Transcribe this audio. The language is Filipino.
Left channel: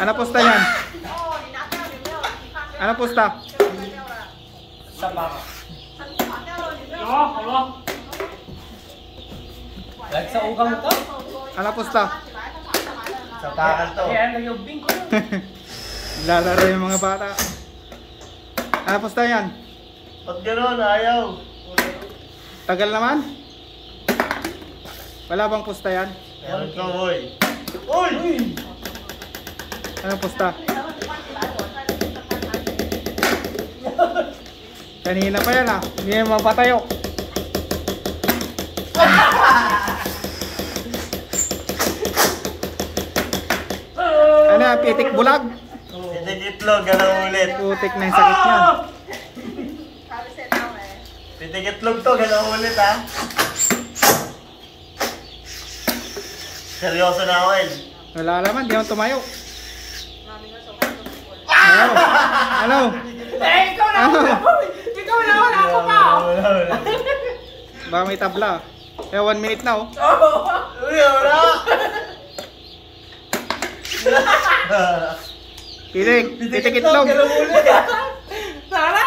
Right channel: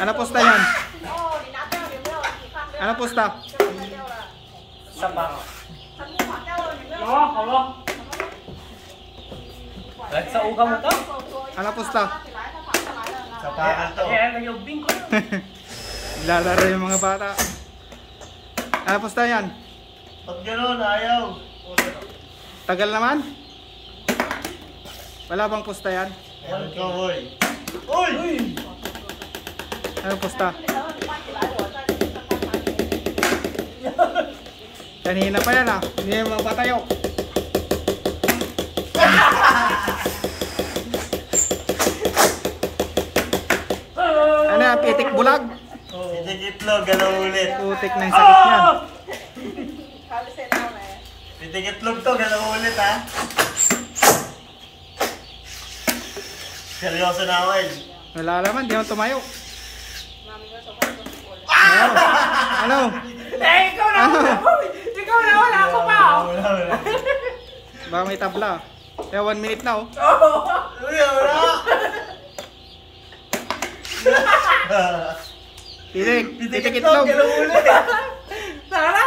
Ano pusta yan? Ano pusta? Sapak. Lag sa uga mo to? Ano pusta? Sapakan to. Ayan, nag-ubing ko. Lalaro yung mga bata. Ano pusta yan? Pag gano'n, ayaw. Tagal naman? Wala bang pusta yan? Meron ka, hoy. Uy! Ano pusta? Kanina pa yan ah. Hindi yan mapatayo. Ano yan? Pitik bulag? Itlog, galaw ulit. Putik na yung sakit niyan. Itlog to, galaw ulit ha. Seryoso na ako, El. Wala naman, di naman tumayo. Ano? Ano? Eh, ikaw na wala. Ikaw na wala ako pa. Wala. Baka may tabla. Eh, 1 minute na oh. Uy, wala. Pitik itlog. Galaw ulit. Tara.